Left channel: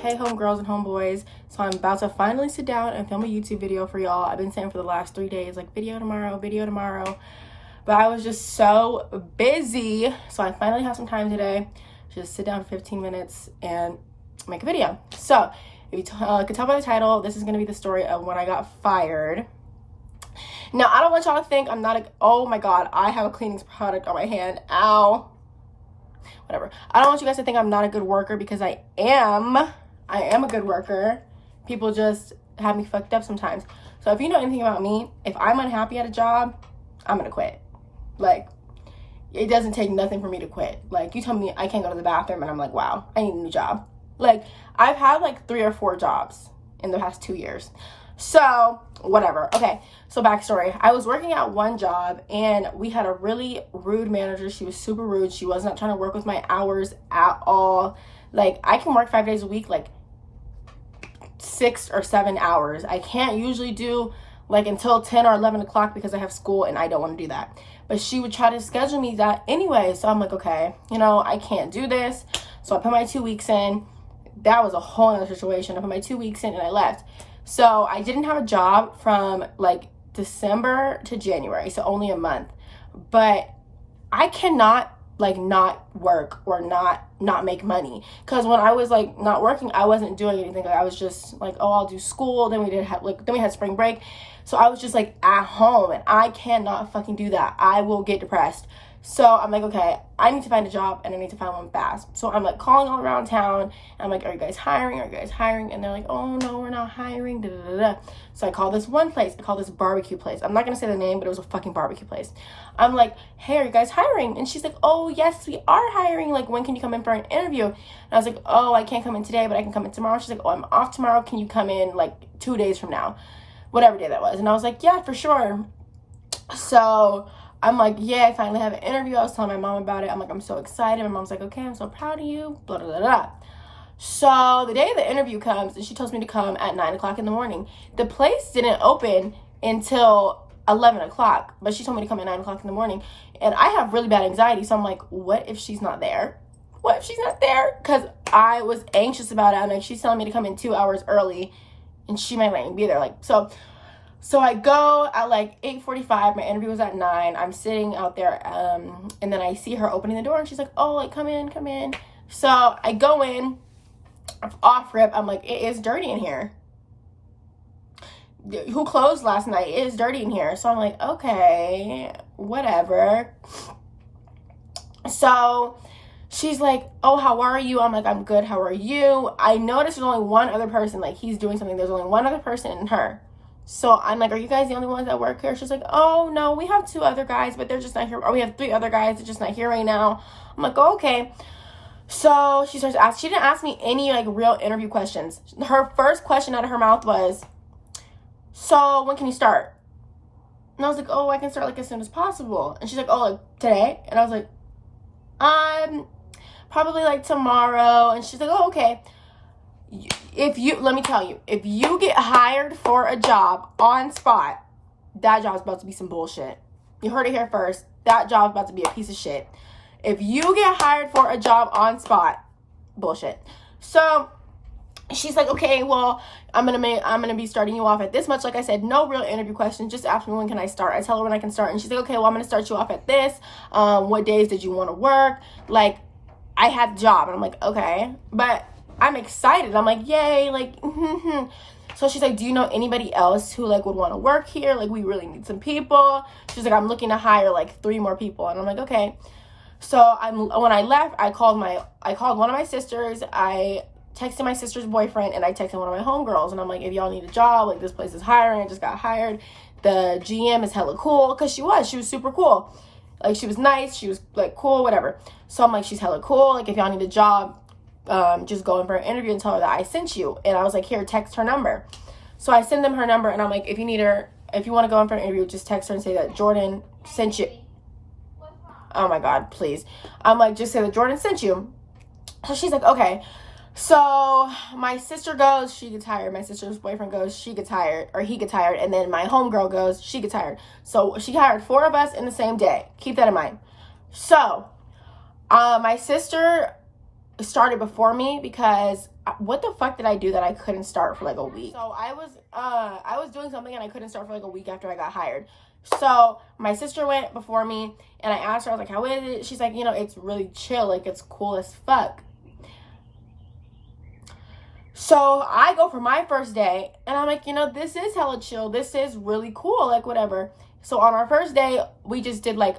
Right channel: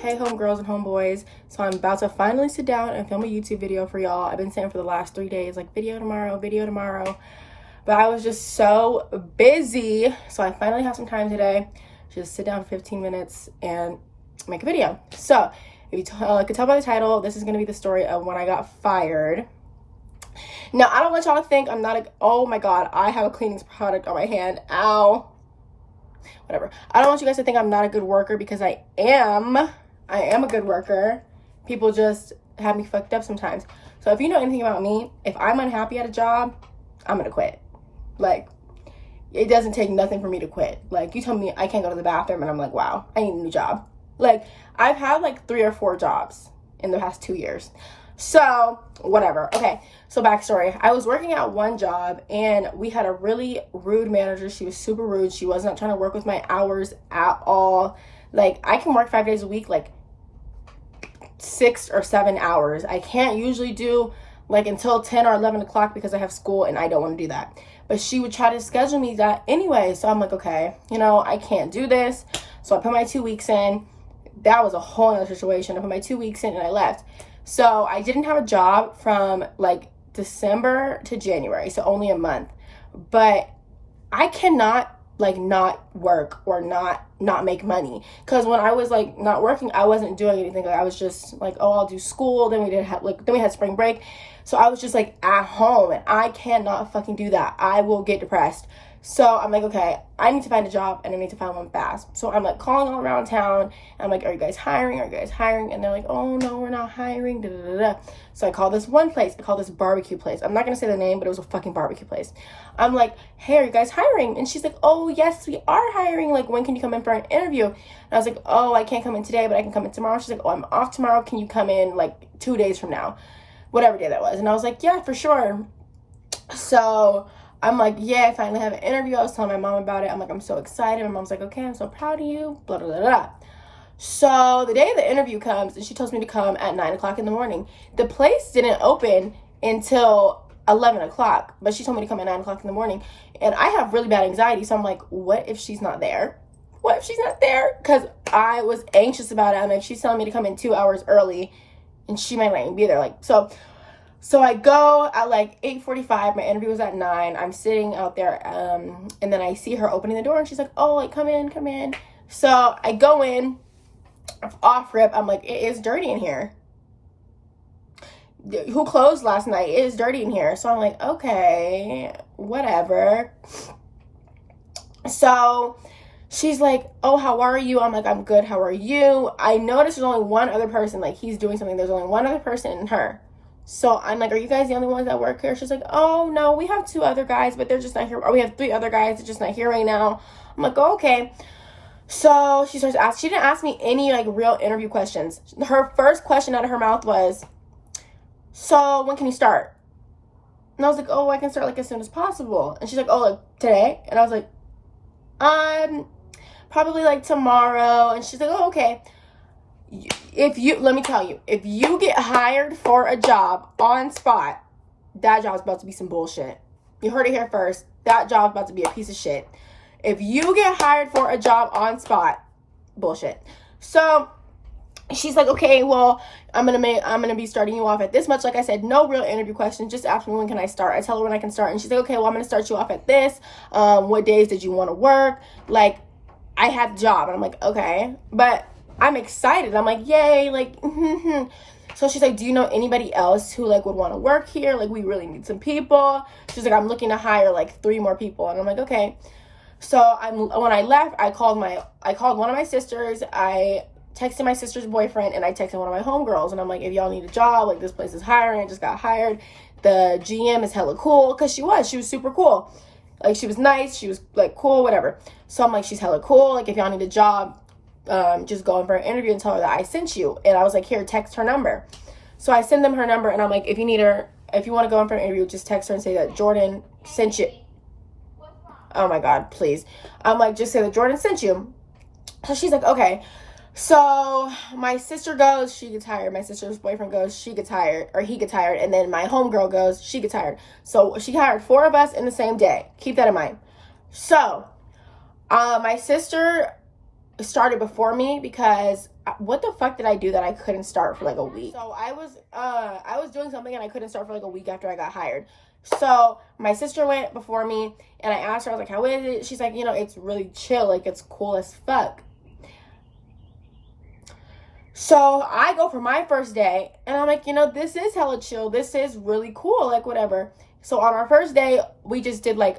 Hey homegirls and homeboys. So I'm about to finally sit down and film a YouTube video for y'all. I've been saying for the last 3 days, like video tomorrow. But I was just so busy. So I finally have some time today. Just sit down for 15 minutes and make a video. So if you could tell by the title, this is going to be the story of when I got fired. Now, I don't want y'all to think I'm not oh my God, I have a cleaning product on my hand. Ow. Whatever. I don't want you guys to think I'm not a good worker, because I am a good worker. People just have me fucked up sometimes. So if you know anything about me, if I'm unhappy at a job, I'm gonna quit. Like, it doesn't take nothing for me to quit. Like, you tell me I can't go to the bathroom and I'm like, wow, I need a new job. Like, I've had like 3 or 4 jobs in the past 2 years. So whatever. Okay, so backstory. I was working at one job and we had a really rude manager. She was super rude. She was not trying to work with my hours at all. Like, I can work 5 days a week, like 6 or 7 hours. I can't usually do like until 10 or 11 o'clock because I have school and I don't want to do that. But she would try to schedule me that anyway. So I'm like, okay, you know, I can't do this. So I put my 2 weeks in. That was a whole other situation. I put my 2 weeks in and I left. So I didn't have a job from like December to January, so only a month. But I cannot like not work or not make money, because when I was like not working, I wasn't doing anything. Like, I was just like, oh, I'll do school. Then we had spring break, so I was just like at home, and I cannot fucking do that. I will get depressed. So I'm like, okay, I need to find a job and I need to find one fast. So I'm like calling all around town and I'm like, are you guys hiring? Are you guys hiring? And they're like, oh no, we're not hiring. Da, da, da, da. So I called this one place. I called this barbecue place. I'm not gonna say the name, but it was a fucking barbecue place. I'm like, hey, are you guys hiring? And she's like, oh yes, we are hiring. Like, when can you come in for an interview? And I was like, oh, I can't come in today, but I can come in tomorrow. She's like, oh, I'm off tomorrow. Can you come in like 2 days from now? Whatever day that was. And I was like, yeah, for sure. So I'm like, yeah, I finally have an interview. I was telling my mom about it. I'm like, I'm so excited. My mom's like, okay, I'm so proud of you, blah, blah, blah, blah. So the day the interview comes, and she tells me to come at 9 o'clock in the morning. The place didn't open until 11 o'clock, but she told me to come at 9 o'clock in the morning. And I have really bad anxiety, so I'm like, what if she's not there? What if she's not there? Because I was anxious about it. I'm like, she's telling me to come in 2 hours early, and she might not even be there. Like, So I go at like 8:45. My interview was at 9. I'm sitting out there, and then I see her opening the door, and she's like, oh, like, come in. So I go in, off rip. I'm like, it is dirty in here. Who closed last night? It is dirty in here. So I'm like, okay, whatever. So she's like, oh, how are you? I'm like, I'm good. How are you? I noticed there's only one other person. Like, he's doing something. There's only one other person and her. So I'm like, are you guys the only ones that work here? She's like, oh, no, we have 2 other guys, but they're just not here. Or we have 3 other guys, they're just not here right now. I'm like, oh, okay. So she starts asking. She didn't ask me any, like, real interview questions. Her first question out of her mouth was, so when can you start? And I was like, oh, I can start, like, as soon as possible. And she's like, oh, like, today? And I was like, probably, like, tomorrow. And she's like, oh, okay. Let me tell you, if you get hired for a job on spot, that job's about to be some bullshit. You heard it here first. That job's about to be a piece of shit. If you get hired for a job on spot, bullshit. So she's like, okay, well, I'm gonna be starting you off at this much. Like I said, no real interview questions. Just ask me, when can I start? I tell her when I can start, and she's like, okay, well, I'm gonna start you off at this. What days did you want to work? Like, I had the job, and I'm like, okay, but I'm excited. I'm like, yay, like, So she's like, do you know anybody else who, like, would want to work here? Like, we really need some people. She's like, I'm looking to hire, like, 3 more people. And I'm like, okay. So when I left, I called one of my sisters. I texted my sister's boyfriend, and I texted one of my homegirls. And I'm like, if y'all need a job, like, this place is hiring. I just got hired. The GM is hella cool, because she was super cool. Like, she was nice. She was, like, cool, whatever. So I'm like, she's hella cool. Like, if y'all need a job, just go in for an interview and tell her that I sent you. And I was like, here, text her number. So I send them her number, and I'm like, if you want to go in for an interview, just text her and say that Jordan sent you. Oh my God, please. I'm like, just say that Jordan sent you. So she's like, okay. So my sister goes, she gets hired. My sister's boyfriend goes, she gets hired, or he gets hired. And then my homegirl goes, she gets hired. So she hired 4 of us in the same day. Keep that in mind. So my sister started before me because what the fuck did I do that I couldn't start for like a week? So I was doing something and I couldn't start for like a week after I got hired. So my sister went before me and I asked her, I was like, how is it? She's like, you know, it's really chill, like it's cool as fuck. So I go for my first day and I'm like, you know, this is hella chill, this is really cool, like whatever. So on our first day, we just did like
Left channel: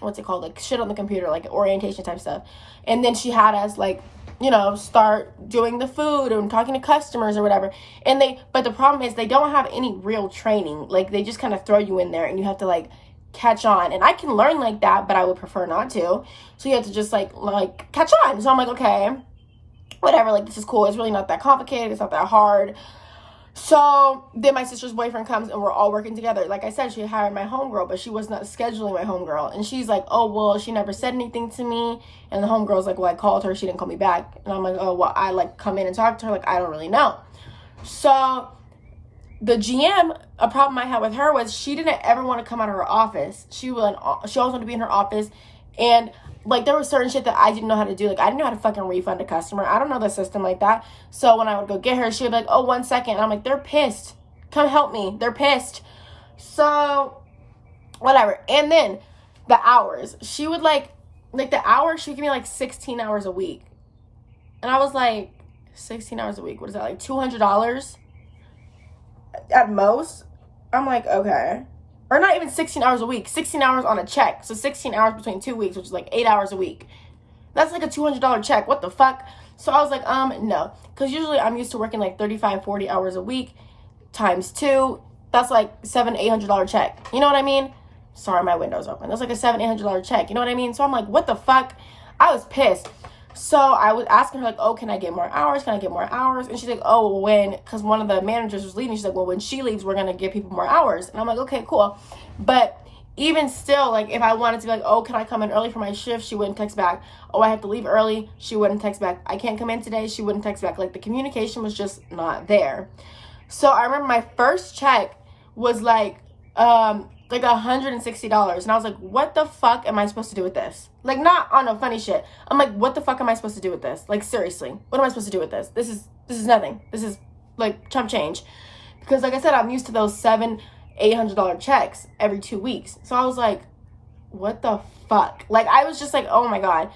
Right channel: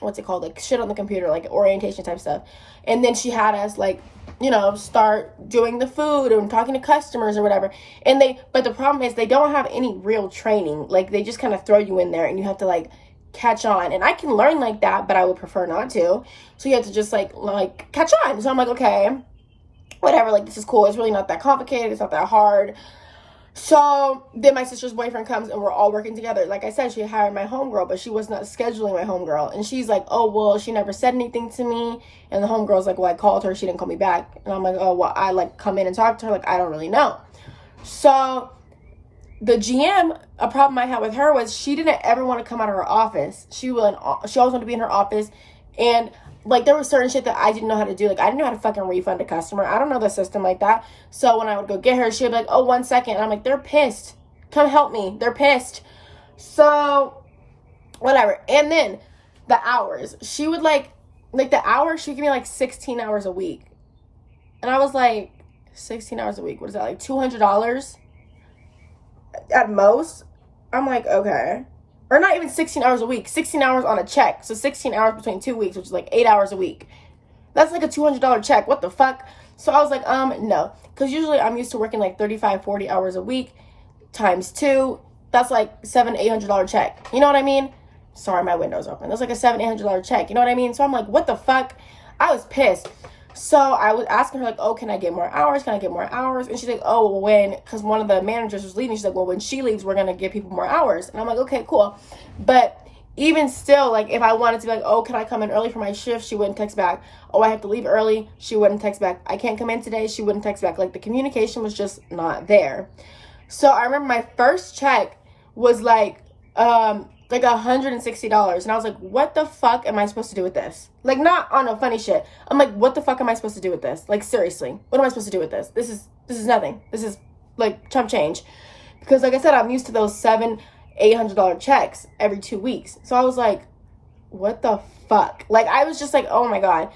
what's it called, like shit on the computer, like orientation type stuff. And then she had us like, you know, start doing the food and talking to customers or whatever. But the problem is they don't have any real training. Like they just kind of throw you in there and you have to like catch on. And I can learn like that, but I would prefer not to. So you have to just like catch on. So I'm like, okay, whatever, like this is cool. It's really not that complicated. It's not that hard. So then my sister's boyfriend comes and we're all working together. Like I said, she hired my homegirl, but she was not scheduling my homegirl. And she's like, oh, well, she never said anything to me. And the homegirl's like, well, I called her. She didn't call me back. And I'm like, oh, well, I like come in and talk to her. Like, I don't really know. So the GM, a problem I had with her was she didn't ever want to come out of her office. She always wanted to be in her office. And like there was certain shit that I didn't know how to do. Like I didn't know how to fucking refund a customer. I don't know the system like that. So when I would go get her, she would be like, oh, 1 second. And I'm like, they're pissed. Come help me. They're pissed. So whatever. And then the hours. She would like the hours, she would give me like 16 hours a week. And I was like, 16 hours a week. What is that? Like $200 at most? I'm like, okay. Or not even 16 hours a week, 16 hours on a check. So 16 hours between 2 weeks, which is like 8 hours a week. That's like a $200 check. What the fuck? So I was like, no. Because usually I'm used to working like 35, 40 hours a week times 2. That's like $700, $800 check. You know what I mean? Sorry, my window's open. That's like a $700, $800 check. You know what I mean? So I'm like, what the fuck? I was pissed. So I was asking her like, oh, can I get more hours? Can I get more hours? And she's like, oh, because one of the managers was leaving. She's like, well, when she leaves, we're going to give people more hours. And I'm like, okay, cool. But even still, like if I wanted to be like, oh, can I come in early for my shift? She wouldn't text back. Oh, I have to leave early. She wouldn't text back. I can't come in today. She wouldn't text back. Like the communication was just not there. So I remember my first check was like $160. And I was like, what the fuck am I supposed to do with this? Like, not on no funny shit. I'm like, what the fuck am I supposed to do with this? Like, seriously, what am I supposed to do with this? This is nothing. This is like chump change. Because like I said, I'm used to those $700, $800 checks every 2 weeks. So I was like, what the fuck? Like, I was just like, oh my God.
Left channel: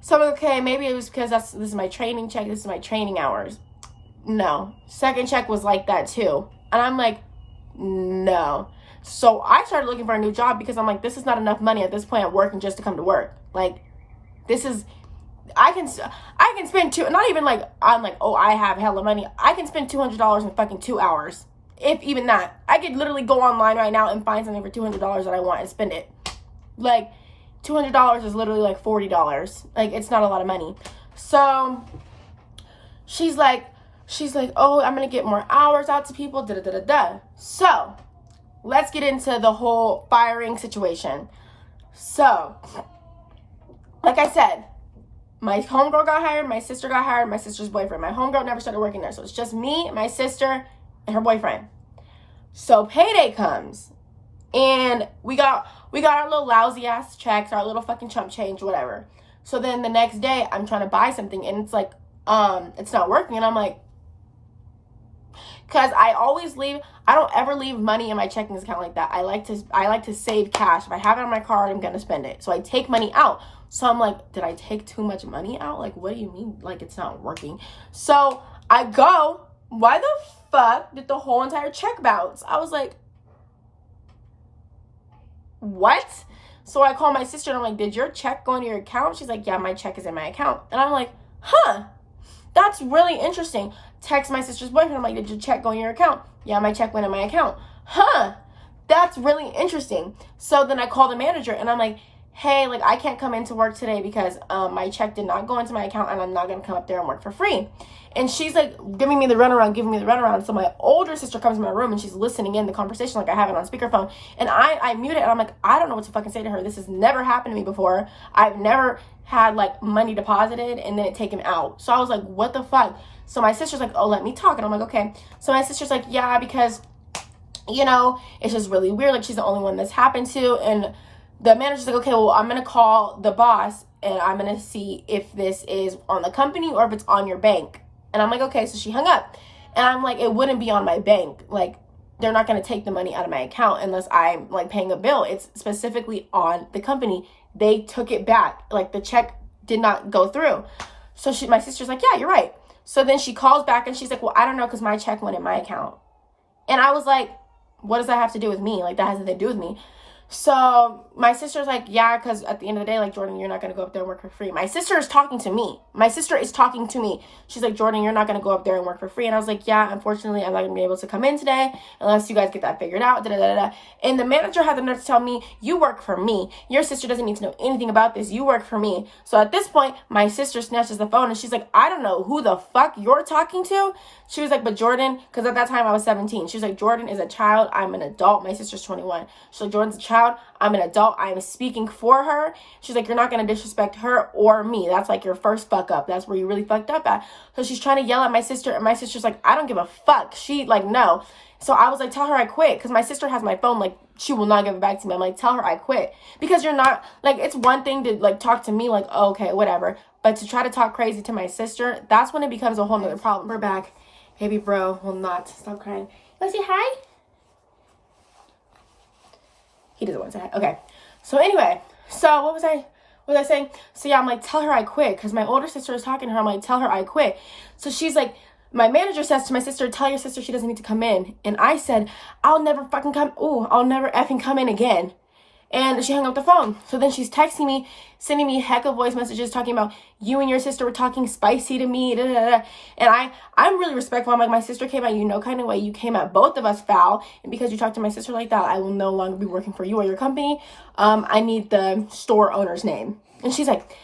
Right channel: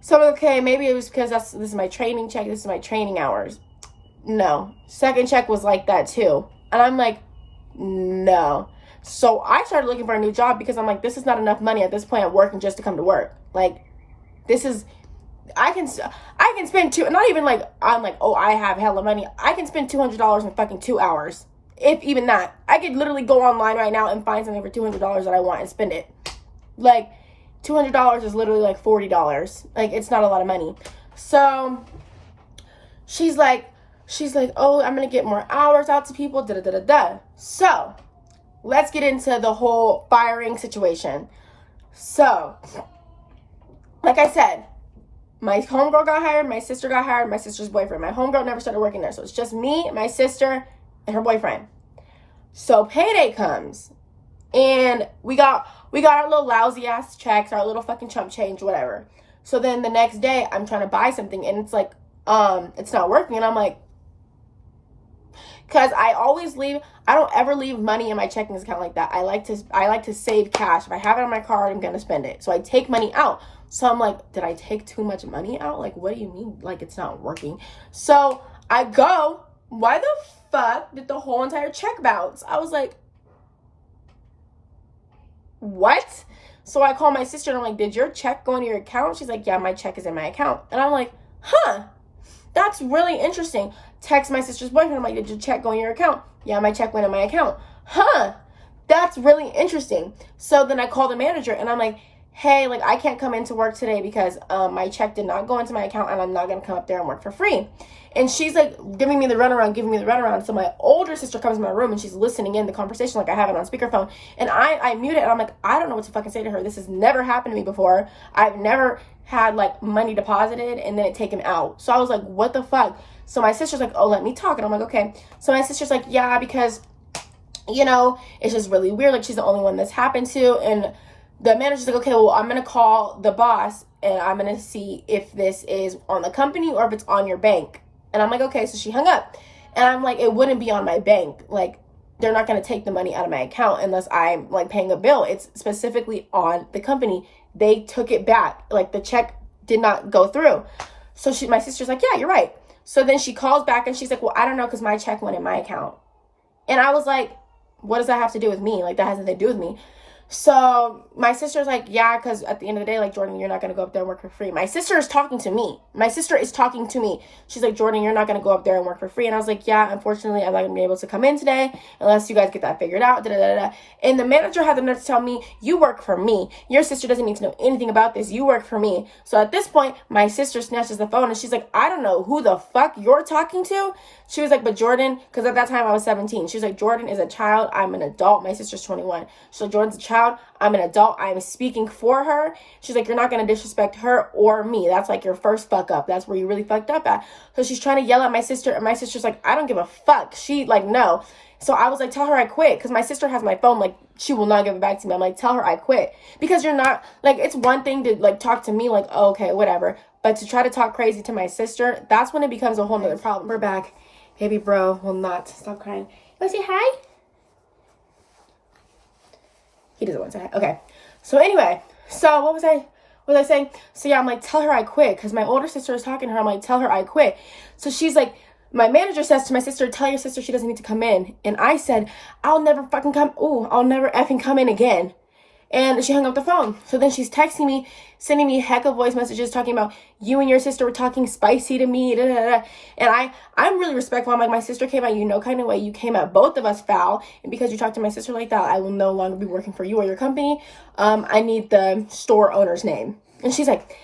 So I'm like, okay, maybe it was because this is my training check. This is my training hours. No. Second check was like that too. And I'm like, no. So I started looking for a new job because I'm like, this is not enough money at this point. I'm working just to come to work. Like, this is, I can spend not even like, I'm like, oh, I have hella money. I can spend $200 in fucking 2 hours. If even that. I could literally go online right now and find something for $200 that I want and spend it. Like, $200 is literally like $40. Like, it's not a lot of money. So she's like, oh, I'm going to get more hours out to people, da-da-da-da-da. So let's get into the whole firing situation. So, like I said, my homegirl got hired, my sister got hired, my sister's boyfriend. My homegirl never started working there. So it's just me, my sister, and her boyfriend. So payday comes. And we got our little lousy ass checks, our little fucking chump change, whatever. So then the next day I'm trying to buy something and it's like, it's not working. And I'm like, because I don't ever leave money in my checking account like that. I like to save cash. If I have it on my card, I'm going to spend it. So I take money out. So I'm like, did I take too much money out? Like, what do you mean? Like, it's not working. So I go, why the fuck did the whole entire check bounce? I was like, what? So I call my sister and I'm like, did your check go into your account? She's like, yeah, my check is in my account. And I'm like, huh, that's really interesting. Text my sister's boyfriend. I'm like, did your check go in your account? Yeah, my check went in my account. Huh, that's really interesting. So then I call the manager and I'm like, hey, like I can't come into work today because my check did not go into my account and I'm not going to come up there and work for free. And she's like giving me the runaround. So my older sister comes in my room and she's listening in the conversation, like I have it on speakerphone. And I mute it and I'm like, I don't know what to fucking say to her. This has never happened to me before. I've never had like money deposited and then it taken out. So I was like, what the fuck? So my sister's like, oh, let me talk. And I'm like, okay. So my sister's like, yeah, because, you know, it's just really weird. Like she's the only one that's happened to. And the manager's like, okay, well, I'm going to call the boss and I'm going to see if this is on the company or if it's on your bank. And I'm like, okay. So she hung up. And I'm like, it wouldn't be on my bank. Like, they're not going to take the money out of my account unless I'm like paying a bill. It's specifically on the company. They took it back. Like, the check did not go through. So my sister's like, yeah, you're right. So then she calls back and she's like, well, I don't know, because my check went in my account. And I was like, what does that have to do with me? Like, that has nothing to do with me. So my sister's like, yeah, because at the end of the day, like, Jordan, you're not going to go up there and work for free. My sister is talking to me. My sister is talking to me. She's like, Jordan, you're not going to go up there and work for free. And I was like, yeah, unfortunately, I'm not going to be able to come in today unless you guys get that figured out. Da, da, da, da. And the manager had the nerve to tell me, you work for me. Your sister doesn't need to know anything about this. You work for me. So at this point, my sister snatches the phone and she's like, I don't know who the fuck you're talking to. She was like, but Jordan, because at that time I was 17. She was like, Jordan is a child. I'm an adult. My sister's 21. She's like, Jordan's a child. I'm an adult. I'm speaking for her. She's like, you're not going to disrespect her or me. That's like your first fuck up. That's where you really fucked up at. So she's trying to yell at my sister. And my sister's like, I don't give a fuck. She like, no. So I was like, tell her I quit. Because my sister has my phone. Like, she will not give it back to me. I'm like, tell her I quit. Because you're not, like, it's one thing to like talk to me like, oh, okay, whatever. But to try to talk crazy to my sister, that's when it becomes a whole nother problem. We're back. Baby bro will not stop crying. You want to say hi? He doesn't want to say hi. Okay. So anyway, so what was I saying? So yeah, I'm like, tell her I quit. Because my older sister is talking to her. I'm like, tell her I quit. So she's like, my manager says to my sister, tell your sister she doesn't need to come in. And I said, I'll never effing come in again. And she hung up the phone. So then she's texting me, sending me heck of voice messages talking about you and your sister were talking spicy to me. Da, da, da. And I'm really respectful. I'm like, my sister came at you no kind of way. You came at both of us foul. And because you talked to my sister like that, I will no longer be working for you or your company. I need the store owner's name. And she's like,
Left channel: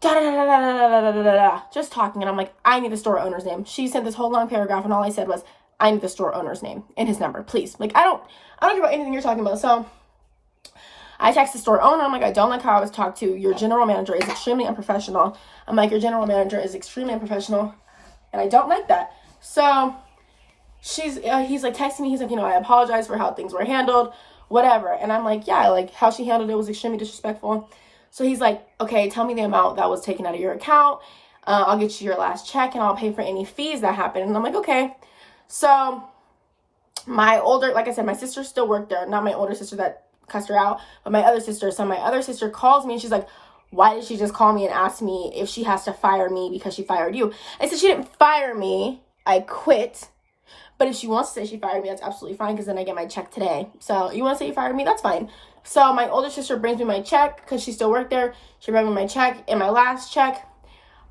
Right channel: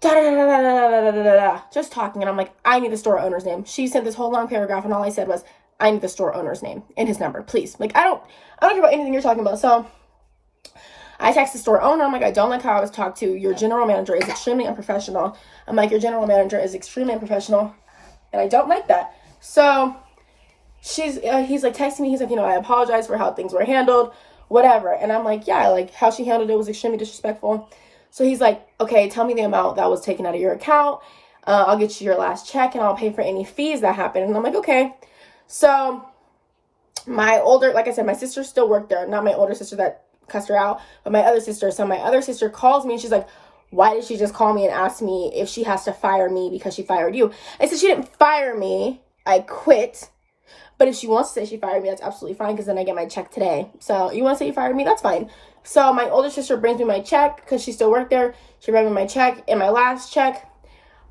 da da da da da da da da da, just talking. And I'm like, I need the store owner's name. She sent this whole long paragraph, and all I said was, I need the store owner's name and his number, please. Like, I don't care about anything you're talking about. So I text the store owner. I'm like, I don't like how I was talked to. Your general manager is extremely unprofessional. I'm like, your general manager is extremely unprofessional, and I don't like that. So he's like texting me. He's like, I apologize for how things were handled, whatever. And I'm like, yeah, like how she handled it was extremely disrespectful. So he's like, okay, tell me the amount that was taken out of your account. I'll get you your last check, and I'll pay for any fees that happened. And I'm like, okay. So like I said, my sister still worked there. Not my older sister that cussed her out, but my other sister. So my other sister calls me and she's like, why did she just call me and ask me if she has to fire me because she fired you? I said, she didn't fire me. I quit. But if she wants to say she fired me, that's absolutely fine, because then I get my check today. So you want to say you fired me? That's fine. So my older sister brings me my check because she still worked there. She brought me my check and my last check.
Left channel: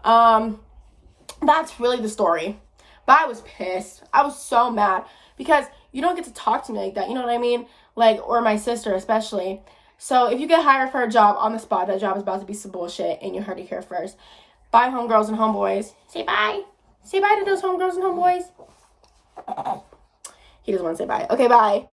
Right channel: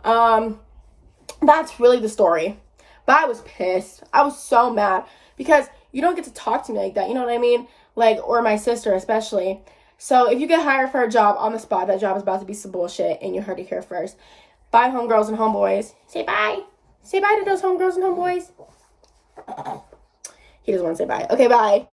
That's really the story. But I was pissed. I was so mad because you don't get to talk to me like that. You know what I mean? Like, or my sister especially. So if you get hired for a job on the spot, that job is about to be some bullshit, and you heard it here first. Bye, homegirls and homeboys. Say bye. Say bye to those homegirls and homeboys. He doesn't want to say bye. Okay, bye.